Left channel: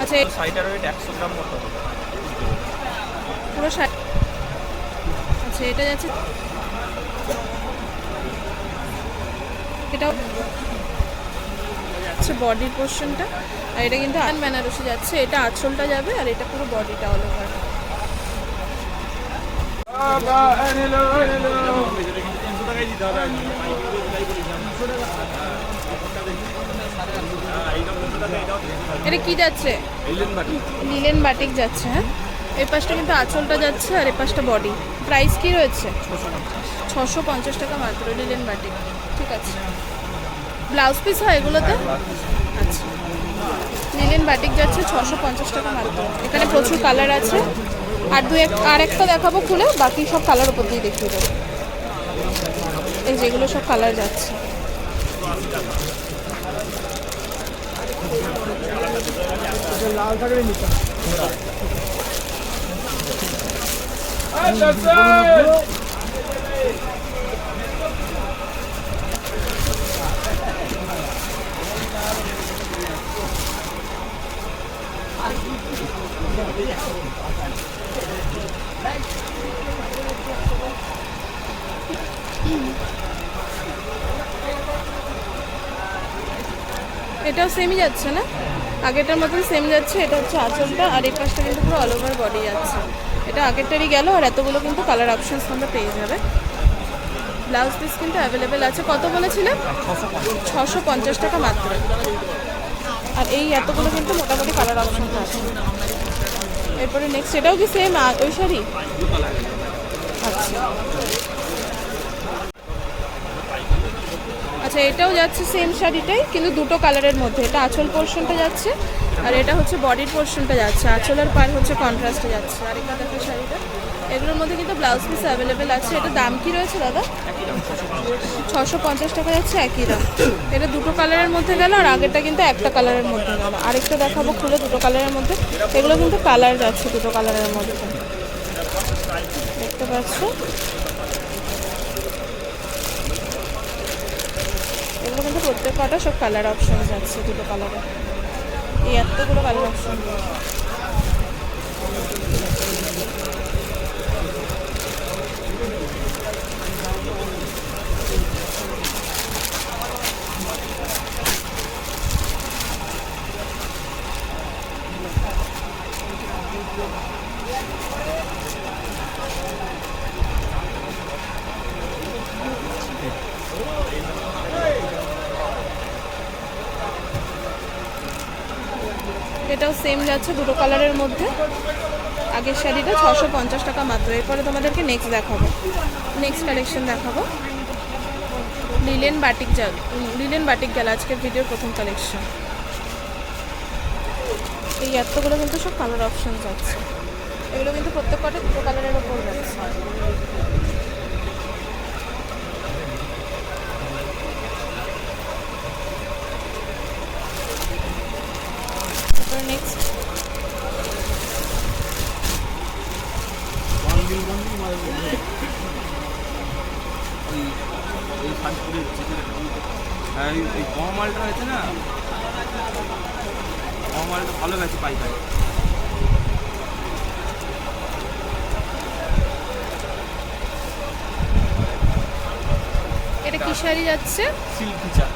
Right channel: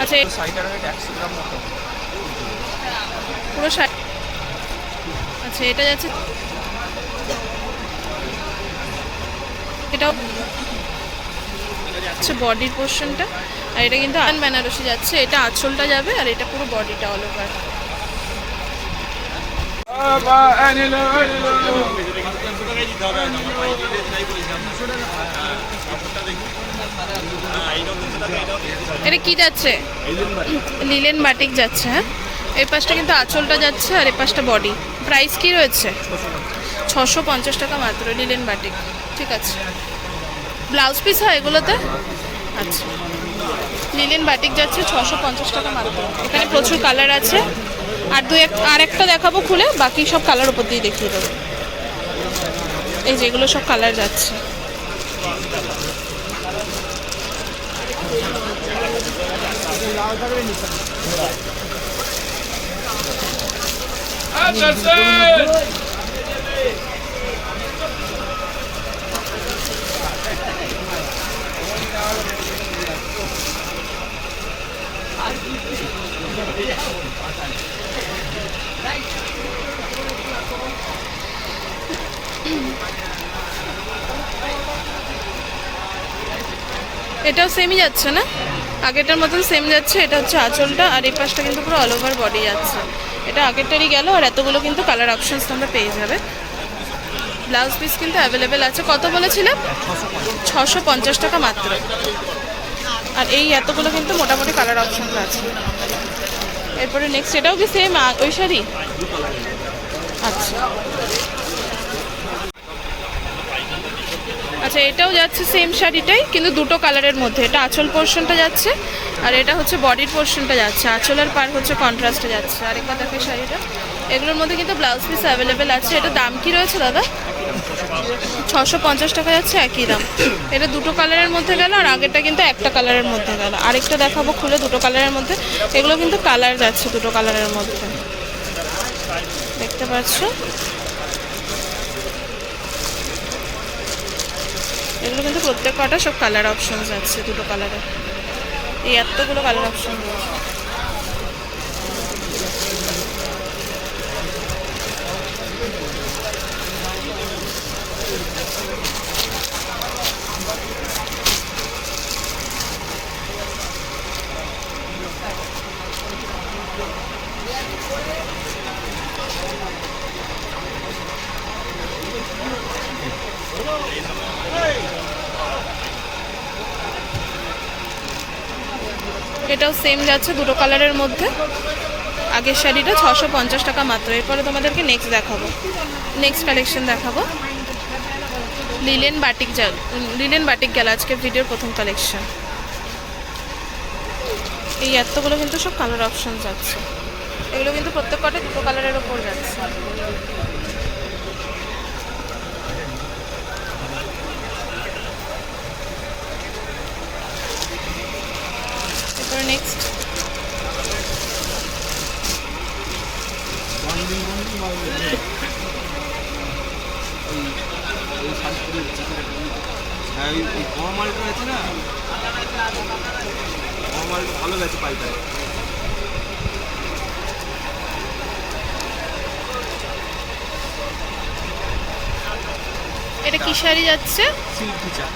আচ্ছা পুরো শাড়ি আচ্ছা এটা যাচ্ছে এটাও হচ্ছে বডির পোর্শনটা আর এটা কিন্তু আন বেনারসি যাচ্ছে। এটা আঁচলটা যাবে আর এটা পুরো বডিটা অল ওভার এটা কি যাচ্ছে? লিলেন বাটিক যাচ্ছে হ্যাঁ? এই পাশটা কিন্তু আঁচলটা যাচ্ছে আর এই পাশটা বডি। প্রাইস কি রয়েছে? ছশো পঞ্চাশ টাকা মাত্র লিলেন বাটিক ঠিক আছে। ব্লাউজ পিস হয় এগুলোতে? আচ্ছা। লিলেন বাটিক যাচ্ছে ছশো পঞ্চাশ টাকা মাত্র। এখানে প্রচুর কালার আছে। আর দু এক আর একটা দেখাবো খুলে, বাকি সব কালার উপর দিয়ে দেখিয়ে দেবো। এই যেগুলো সব কালার যাচ্ছে। 아, Thank you. এটাও সেমই যাচ্ছে না? আগেরটার মতন সেম যাচ্ছে, এটা হচ্ছে আঁচলটা, আর এই পাশটা কিন্তু পুরো অল ওভার বডি যাচ্ছে। এটা আগেরটারই গেল, আর এতগুলো কিন্তু কালার অপশানস তোমরা পেয়ে যাবে। ব্লাউজ পিস কিন্তু অ্যাভেলেবেল আছে। কত বলেছিলাম ছশো পঞ্চাশ টাকা মাত্র। আর এই এতগুলো কিন্তু মোটামুটি কালার অপশনস আছে। এরপরে নেক্সট এটাও কি সেম ওই শাড়ি আচ্ছা আচ্ছা এটাও যাচ্ছে সেম শাড়িটাই, কিন্তু দুটো কালারের মধ্যে। এটা আঁচল পোর্শনটা যাচ্ছে, আর এটা হচ্ছে বডির পোর্শনটা যাচ্ছে। আঁচল আর পার হচ্ছে কন্ট্রাস্টে যাচ্ছে। আরেকবার দেখো শাড়িটা। এগুলোর মধ্যে কিন্তু ব্লাউজ পিস অ্যাভেলেবেল আছে। এটা দাম কি রয়েছে দাদা? ছশো পঞ্চাশ টাকা যাচ্ছে, একই দাম। এটা দুটো কালারের মধ্যে গেল, আর আগেরটা কিন্তু একটা কালারের মধ্যে গেল। আরেকটা দেখাবো খুলে দুটো কালারের মধ্যে। এগুলো কিন্তু কালার যাচ্ছে দুটো কালারের মধ্যে। দেখতে পাচ্ছ? এগুলো কিন্তু প্রত্যেক কটা সব কালার অপশন আছে দুটো কালারের এই এতগুলো কালার অপশন এটাও সেম যাচ্ছে, দুটো কালারের মধ্যে। আগের শাড়িটা ছশো পঞ্চাশ টাকা মাত্র। এরপরে তোমাদেরকে নেক্সট দেখাবো। নেক্সট কালেকশন দেখাবো। লিলেন বাটিক জাল লিলেন বাটিক গেল আজকে ভিডিওর প্রথম কালেকশন এই এতগুলো কিন্তু সব কালার অপশন যাচ্ছে। এগুলো কিন্তু প্রত্যেক কটা দুটো কালারের ওপর যাচ্ছে। এরপরে নেক্সট এই মালটা আছে না মালটা ভালো গেছে এটা কি শাড়ি যাচ্ছে? সিল্ক টিচা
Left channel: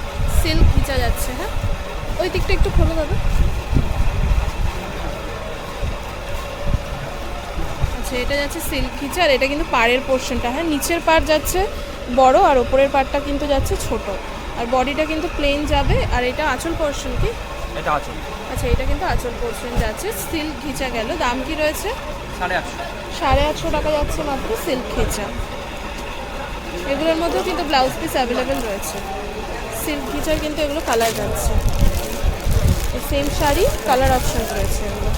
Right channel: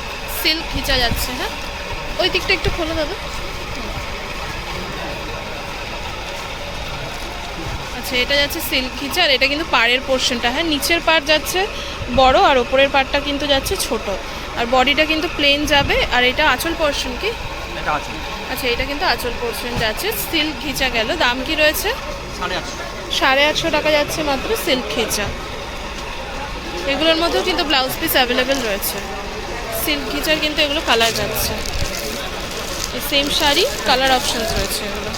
সিল্ক যাচ্ছে হ্যাঁ। ওই দিকটা একটু খোলা দাদা। আচ্ছা এটা যাচ্ছে সিল্ক ঘিচা আর এটা কিন্তু পাড়ের পোর্শনটা হ্যাঁ নিচের পাড় যাচ্ছে বড় আর ওপরের পাড়টা কিন্তু যাচ্ছে ছোট। আর বডিটা কিন্তু প্লেন যাবে আর এটা আঁচল পোর্শন কি? আচ্ছা এটা কিন্তু আঁচল পোর্শন যাচ্ছে। সিল্ক ঘিচা গেল। দাম কি রয়েছে? সাড়ে আটশো সাড়ে আটশো টাকা যাচ্ছে মাত্র সিল্ক ঘিচা। এগুলোর মধ্যেও কিন্তু ব্লাউজ পিস অ্যাভেলেবেল রয়েছে। সিল্ক ঘিচার কিন্তু এগুলো কালার যাচ্ছে। সেম শাড়ি কালার অপশনস রয়েছে এগুলো।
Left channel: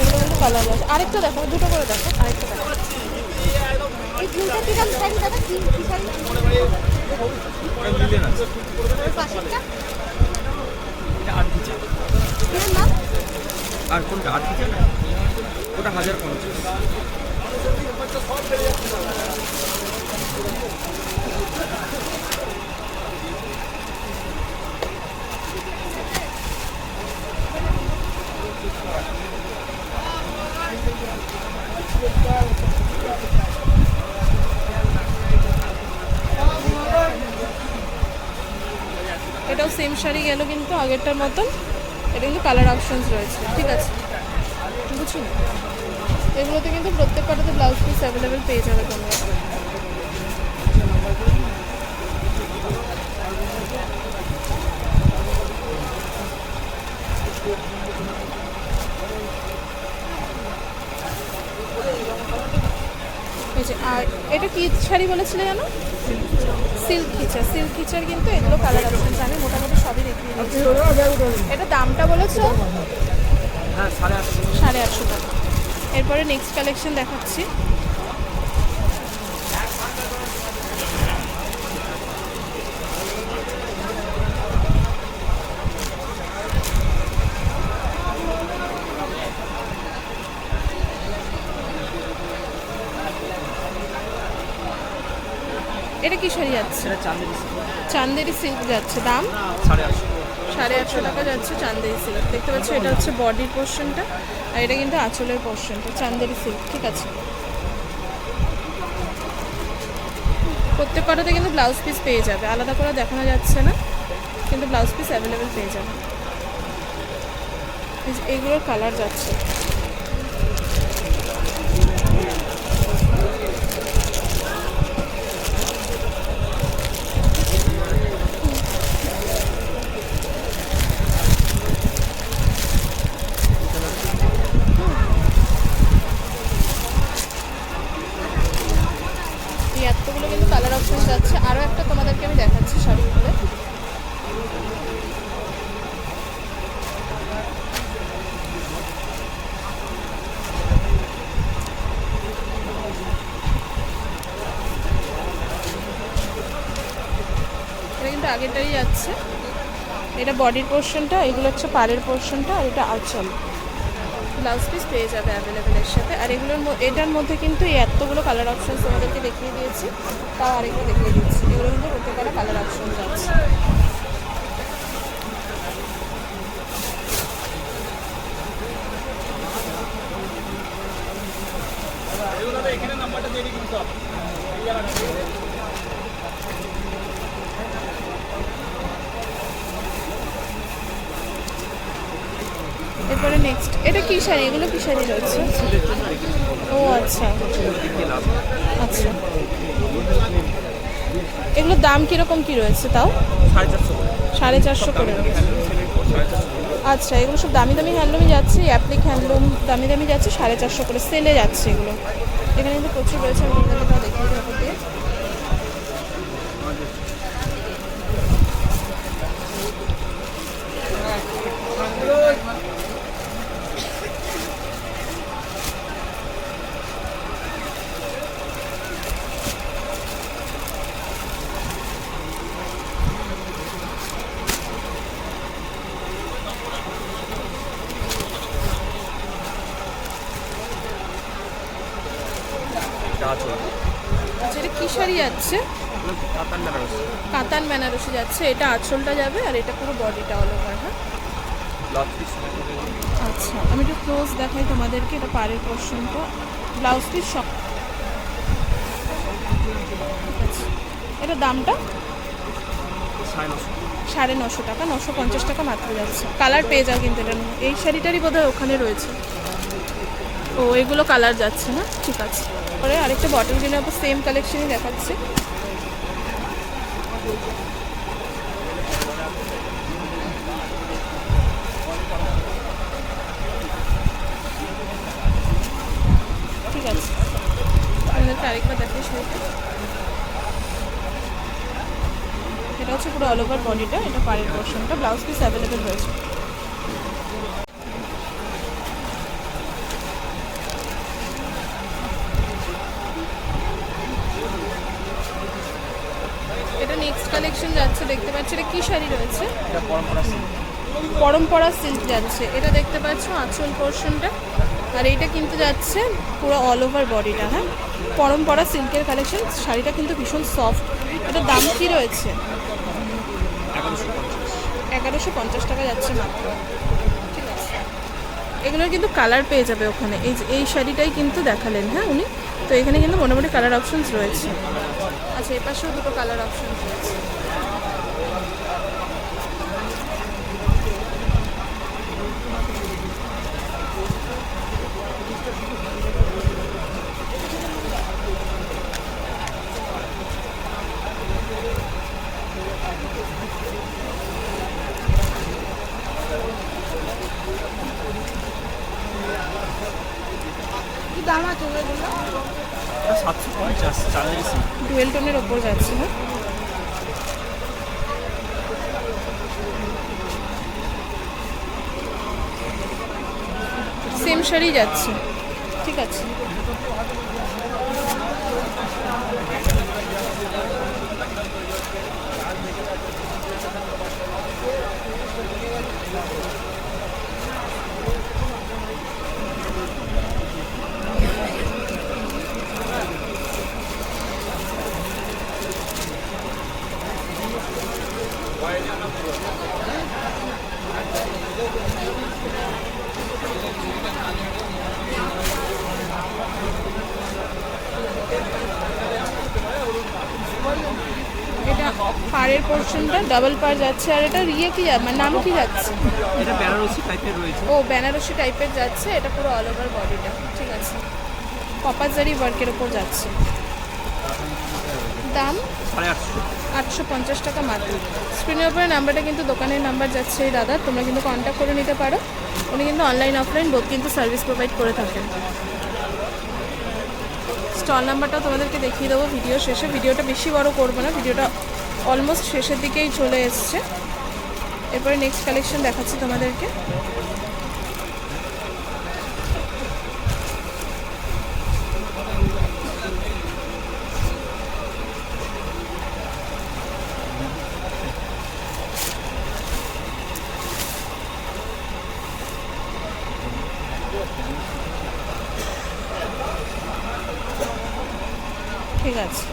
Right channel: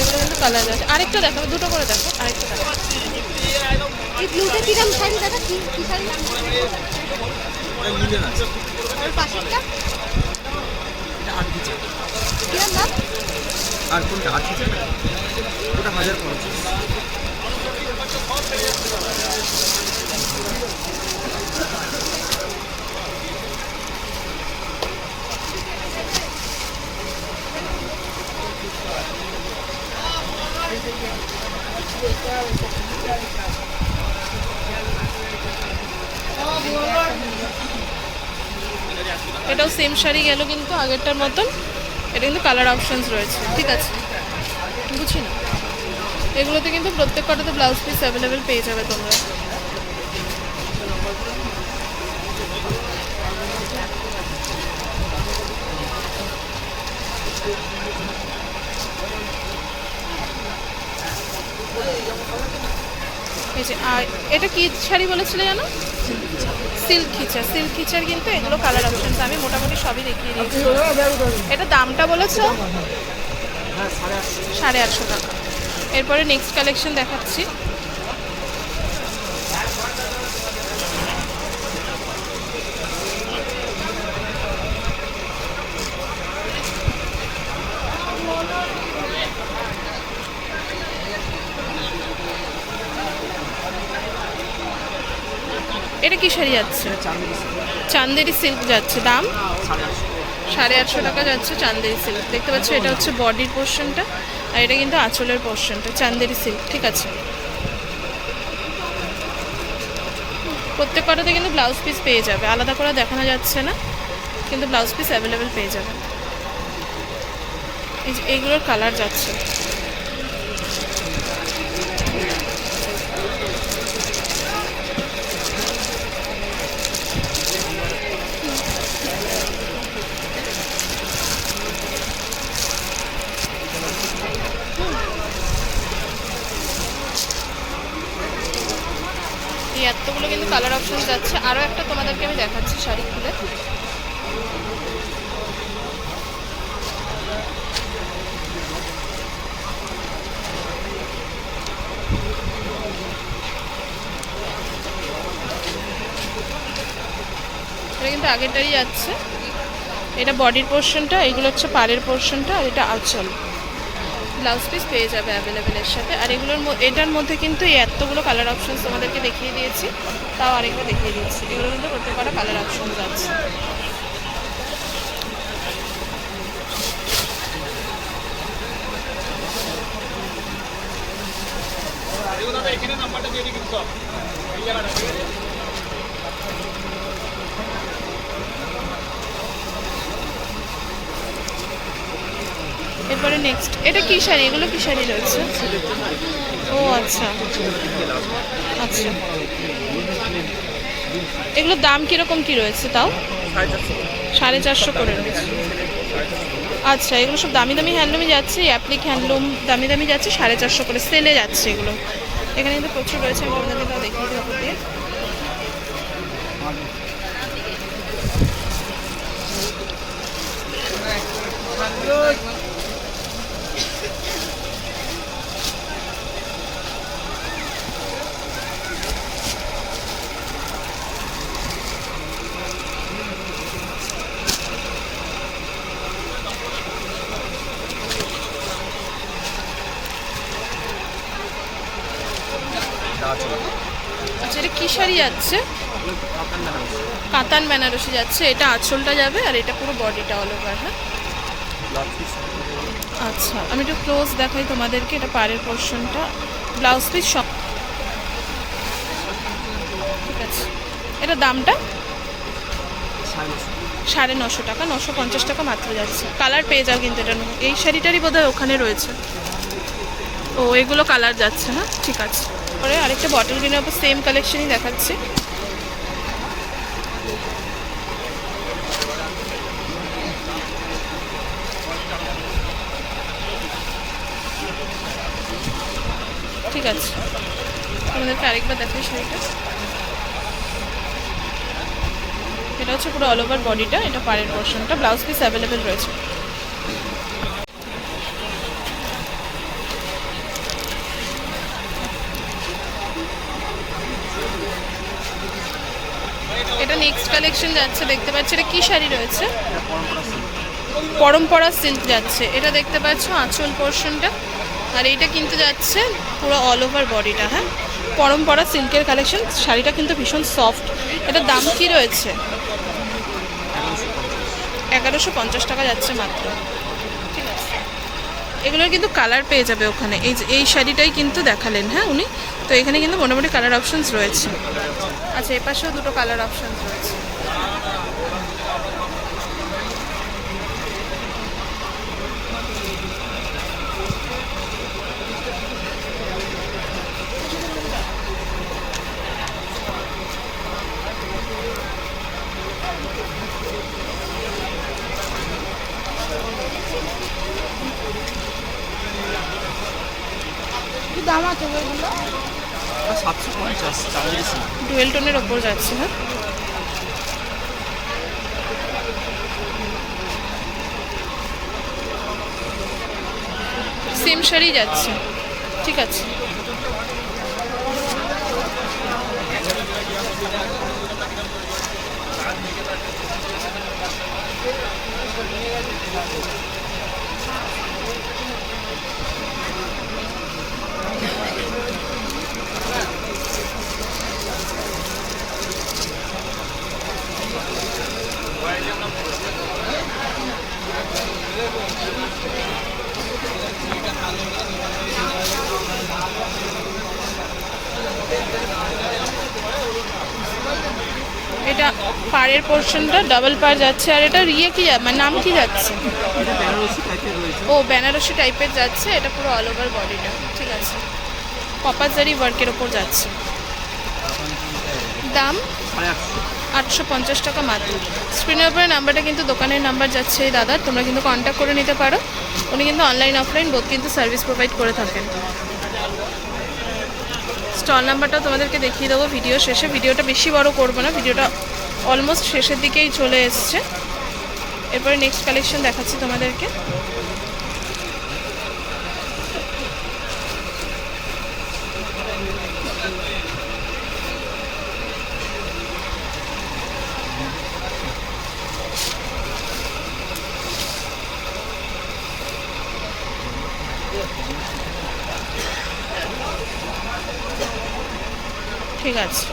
এগুলো কিন্তু কালার যাচ্ছে আরেকটা দেখো দুটো করে দেখো আরেকটা দেখো। এই তিনটে কিরম শাড়ি দাদা কি কি শাড়ি? এটা লিলেন আছে। পাশেরটা এটা আট কিরম দাম আর কোনটা? আট না। ওটা হাজার পঞ্চাশ। এটাও সেম শাড়ি গেল কিন্তু আগেরটার মতন। এটা কিন্তু কালার অপশানস রয়েছে। ঠিক আছে। বুঝি না। এগুলোতে কিন্তু প্রত্যেক কটাতে ব্লাউজ পিস অ্যাভেলেবেল পেয়ে যাবে তোমরা। এই যে আর এটা কি শাড়ি বলেছিলে জানো? সিল্ক খিচার সিল্ক খিচার কিন্তু এগুলো কালার অপশনস আমি মোটামুটি সবই দেখিয়ে দিয়েছি। এটা দামটা বলেছ? হ্যাঁ সাড়ে আটশো। সাড়ে আটশো টাকা। এরপরে নেক্সট কালেকশন দেখাচ্ছি। এটা কি শাড়ি যাচ্ছে? চান্দেরি সিল্ক। যাচ্ছে। দাম? সাড়ে আটশো। টাকা যাচ্ছে চান্দেরি সিল্ক। দেখতে পাচ্ছ এটা হচ্ছে বডির পোর্শনটা আর এটা কিন্তু আঁচলের পোর্শনটা চান্দেরি সিল্ক ঠিক আছে? প্রত্যেক কটাতে কিন্তু ব্লাউজ পিস পেয়ে যাবে। আলাদা করে দেখানো যাচ্ছে না কিন্তু ব্লাউজ পিস অ্যাভেলেবেল পেয়ে যাবে। এই যে এইগুলোর কালার যাচ্ছে। এই এতগুলো কিন্তু কালার অপশন যাচ্ছে। আরও একটা তোমাদেরকে আমি দেখাচ্ছি শাড়ি খুলে। এটা কিন্তু আগেরটাই যাচ্ছে। এটা বডির পোর্শনটা এগুলো হচ্ছে পাড়ের পোর্শনটা আর এটা আঁচল। ব্লাউজ পিস পেয়ে যাবে অ্যাভেলেবেল এর সাথে। আর এগুলোর এটার মধ্যে কিন্তু এই এতগুলো কালার অপশনস তোমাদেরকে দেখিয়ে দিয়েছি। তাও আরেকবার দেখিয়ে দিচ্ছি। এগুলো কিন্তু করতে পারা কালার অপশনস আছে। এরপরে নেক্সট এটা কি শাড়ি? এগুলো কি শাড়ি রয়েছে? ও আচ্ছা। আচ্ছা। এগুলোর দাম কীরকম কি রয়েছে তাও? সাড়ে চারশো করে আচ্ছা এগুলো সব দামি দামি হ্যান্ডলুমে যাচ্ছে অ্যাপ্লিক হ্যান্ডলুম দামি দামি যাচ্ছে, সাড়ে চারশো করে সেলে যাচ্ছে এগুলো। এখানে কিন্তু প্রচুর রয়েছে, আমি তোমাদেরকে তাও দেখিয়ে দেবো দিয়ে আছে আচ্ছা এটা কী শাড়ি যাচ্ছে। কাতান বেনারসি যাচ্ছে, এটা আঁচলটা যাবে আর এটা পুরো বডিটা অল ওভার হ্যাঁ? আচ্ছা আমি একটু ক্লোজ দেখাই তোমাদেরকে, এটা পাড়ের পোর্শনটা ব্লাউজ পিস সব ঠিক আছে। এটা দামটা? সাড়ে নশো টাকা, নশো পঞ্চাশ টাকা মাত্র যাচ্ছে। কালার পেয়ে যাও কিন্তু এটা এই শাড়িটারই বোধহয় ওখানে রয়েছে। ও, এগুলো কালার যাচ্ছে না? ঠিক আছে। পরে আরেকটা বটল গ্রিনের উপর সেম কালেকশনই দেখাচ্ছে। ঠিক আছে। আমাদেরকে আরেকবার দেখাই শাড়িটা। এটা হচ্ছে পুরো অল ওভার বডিটা এটা পাড়ের পোর্শনটা ব্লাউজ পিস অ্যাভেলেবেল রয়েছে। নেক্সট কালেকশন যাচ্ছে দেখতে পাচ্ছি। এটা কি শাড়ি রয়েছে? পরম্পরা সিল্ক যাচ্ছে। এটা দেখতে পাচ্ছ আঁচল পোর্শনটা আর এইটা কিন্তু যাচ্ছে পুরো অল ওভার বডিটা হ্যাঁ? পরম্পরা সিল্কের কালেকশন শাড়িটা কিন্তু ভীষণ সফট এটার দাম কি রয়েছে? এগারোশো পঞ্চাশ টাকা যাচ্ছে মাত্র। ঠিক আছে। এগুলোর কিন্তু কালার পেয়ে যাবে ওখানে। এই যে এই শাড়িটাই কিন্তু দেখালেন হ্যাঁ উনি? তো এখানে কিন্তু মোটামুটি কালার অপশানস রয়েছে। আচ্ছা এপাশেও পাশেও দুটো কালার অপশানস রয়েছে। ডুয়েল টোনের ওপর যাচ্ছে হ্যাঁ সেম শাড়ি যাচ্ছে। ঠিক আছে। পোর্শনটা ডাবল পার যাচ্ছে আর এটা ইয়ে কি মানে নাম কি যাচ্ছে? ও, বেনারসি টাইপের যাচ্ছে, এটা পুরো অল ওভার বডিটা ঠিক আছে। কপাজারি ওয়ার্কের ওপর যাচ্ছে। দাম? আটশো পঞ্চাশ টাকা মাত্র। স্ক্রিনের উপরে নাম্বারটা কিন্তু দোকানের নাম্বার যাচ্ছে, এই দাদার। তোমরা কিন্তু কন্ট্যাক্ট করে নিতে পারো। উনি কিন্তু অনলাইন অফলাইন বোধ কিন্তু সার্ভিস প্রোভাইড করে থাকেন। স্টল নাম্বারটাও তোমাদেরকে দেখিয়ে দেবো। ভিডিও শেষে। ভিডিওটা বেশি বড় করব না। ভিডিওটা অলমোস্ট শেষের দিকেই চলে এসছে। এরপরে নেক্সট কালেকশন দেখাচ্ছি তোমাদেরকে। ঠিক আছে।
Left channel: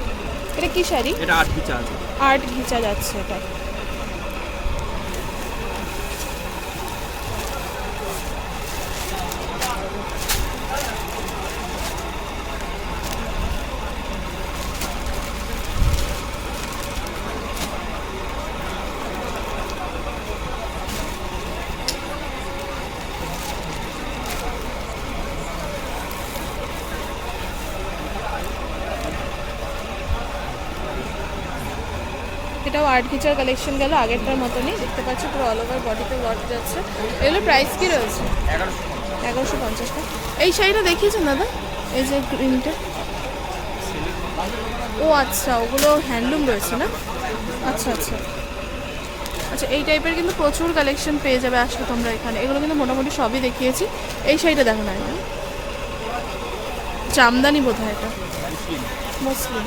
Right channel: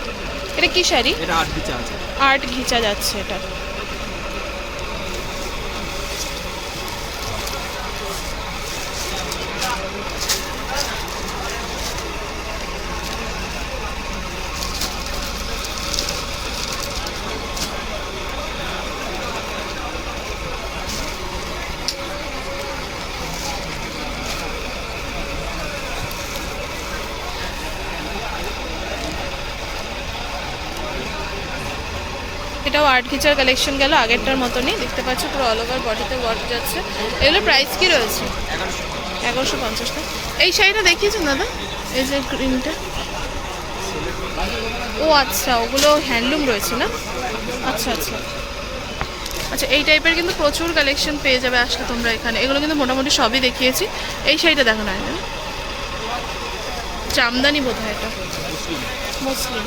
এটা কি শাড়ি? এটা আট বিচা আছে। আর্ট ঘিচা যাচ্ছে এটা এটাও আর্ট ঘিচার কালেকশন গেল, আগেরটার মতনই। দেখতে পাচ্ছ পুরো অল ওভার বডিতে ওয়ার্ক যাচ্ছে। এগুলো প্রাইস কি রয়েছে? এগারোশো পঞ্চাশ টাকা। এই শাড়িটা দেখিয়েছেন দাদা? এই যে গ্রিনটা ও আচ্ছা ওগুলো হ্যান্ডলুম রয়েছে না? আচ্ছা আচ্ছা। আচ্ছা এই টাইপের কিন্তু প্রচুর কালেকশন পেয়ে যাবে আসলে তোমরা এখানে। এগুলো কিন্তু মোটামুটি সবই দেখিয়েছি। এই শাড়িটা দেখো না জামদানি বোধ হয় এটা। মুসলিম।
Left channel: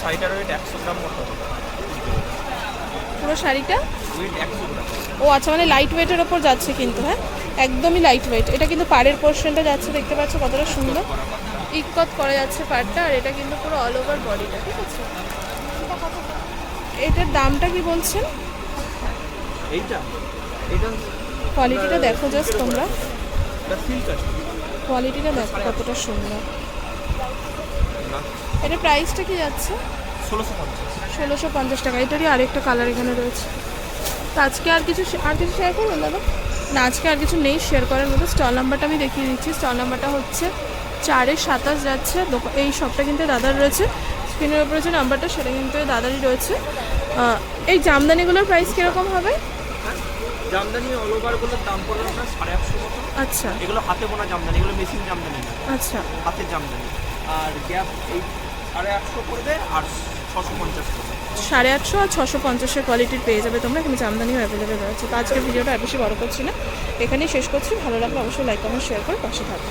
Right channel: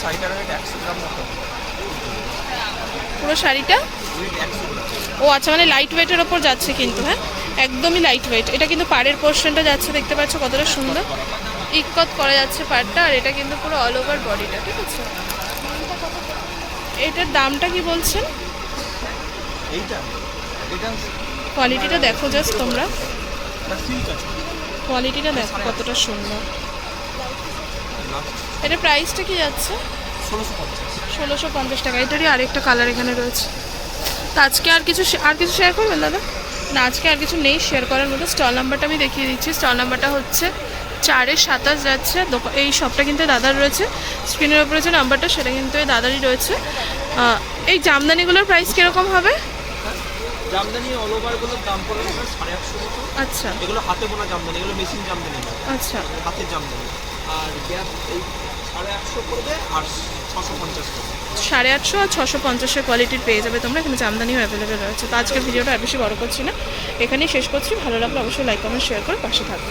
শাড়িটার ওয়েট একশো গ্রাম মতো পুরো শাড়িটা? ও আচ্ছা মানে লাইট ওয়েটের ওপর যাচ্ছে কিন্তু হ্যাঁ? একদমই লাইট ওয়েট এটা কিন্তু পাড়ের পোর্শনটা যাচ্ছে দেখতে পাচ্ছ কতটা সুন্দর। ইকত করা যাচ্ছে পাড়টা আর এটা কিন্তু পুরো অল ওভার বডিটা ঠিক আছে? এটার দামটা কি বলছেন? কোয়ালিটিটা দেখো জাস্ট তোমরা। কোয়ালিটিটা দেখো কতটা সুন্দর। এটার প্রাইসটা কি যাচ্ছে? ষোলোশো পঞ্চাশ টাকা। এটারই আরেকটা কালার এখানে রয়েছে। তো আজকে আর কিছু আর কিছু শেয়ার করবেন দাদা? না আজকে আর কিছু নেই শেয়ার করার মতো। স্টল নাম্বারটা আমি দেখিয়ে দিচ্ছি। স্টল নাম্বারটা হচ্ছে চারের সাতাশ যাচ্ছে। এই শপটা কিন্তু দাদার রয়েছে। স্ক্রিনের উপরে যে নাম্বারটা সেটা কিন্তু এই দাদারই রয়েছে। এই জামদানিগুলোর প্রাইস কীরকম হবে? জামদানি অল ওভারগুলোর দাম পড়বে আপনার সাড়ে আটশো মতো। আচ্ছা। এগুলো হাতে বোনা জামদানি এগুলো মেশিন জামদানি আচ্ছা। হাতের জামদানি। আর গ্যাপ এই সাড়ে আটশো পড়বে আর ছশো পঞ্চাশ পড়বে। সাড়ে আটশো আর ছশো পঞ্চাশের কোয়ালিটির পেয়ে যাবে তোমরা এখানে জামদানিও অ্যাভেলেবেল রয়েছে। তো আজকের ভিডিওটা আর বেশি বড় করছি না। এখানেই শেষ করছি। ভালো লাগলে অবশ্যই লাইক কমেন্ট শেয়ার করে পাশে থাকবে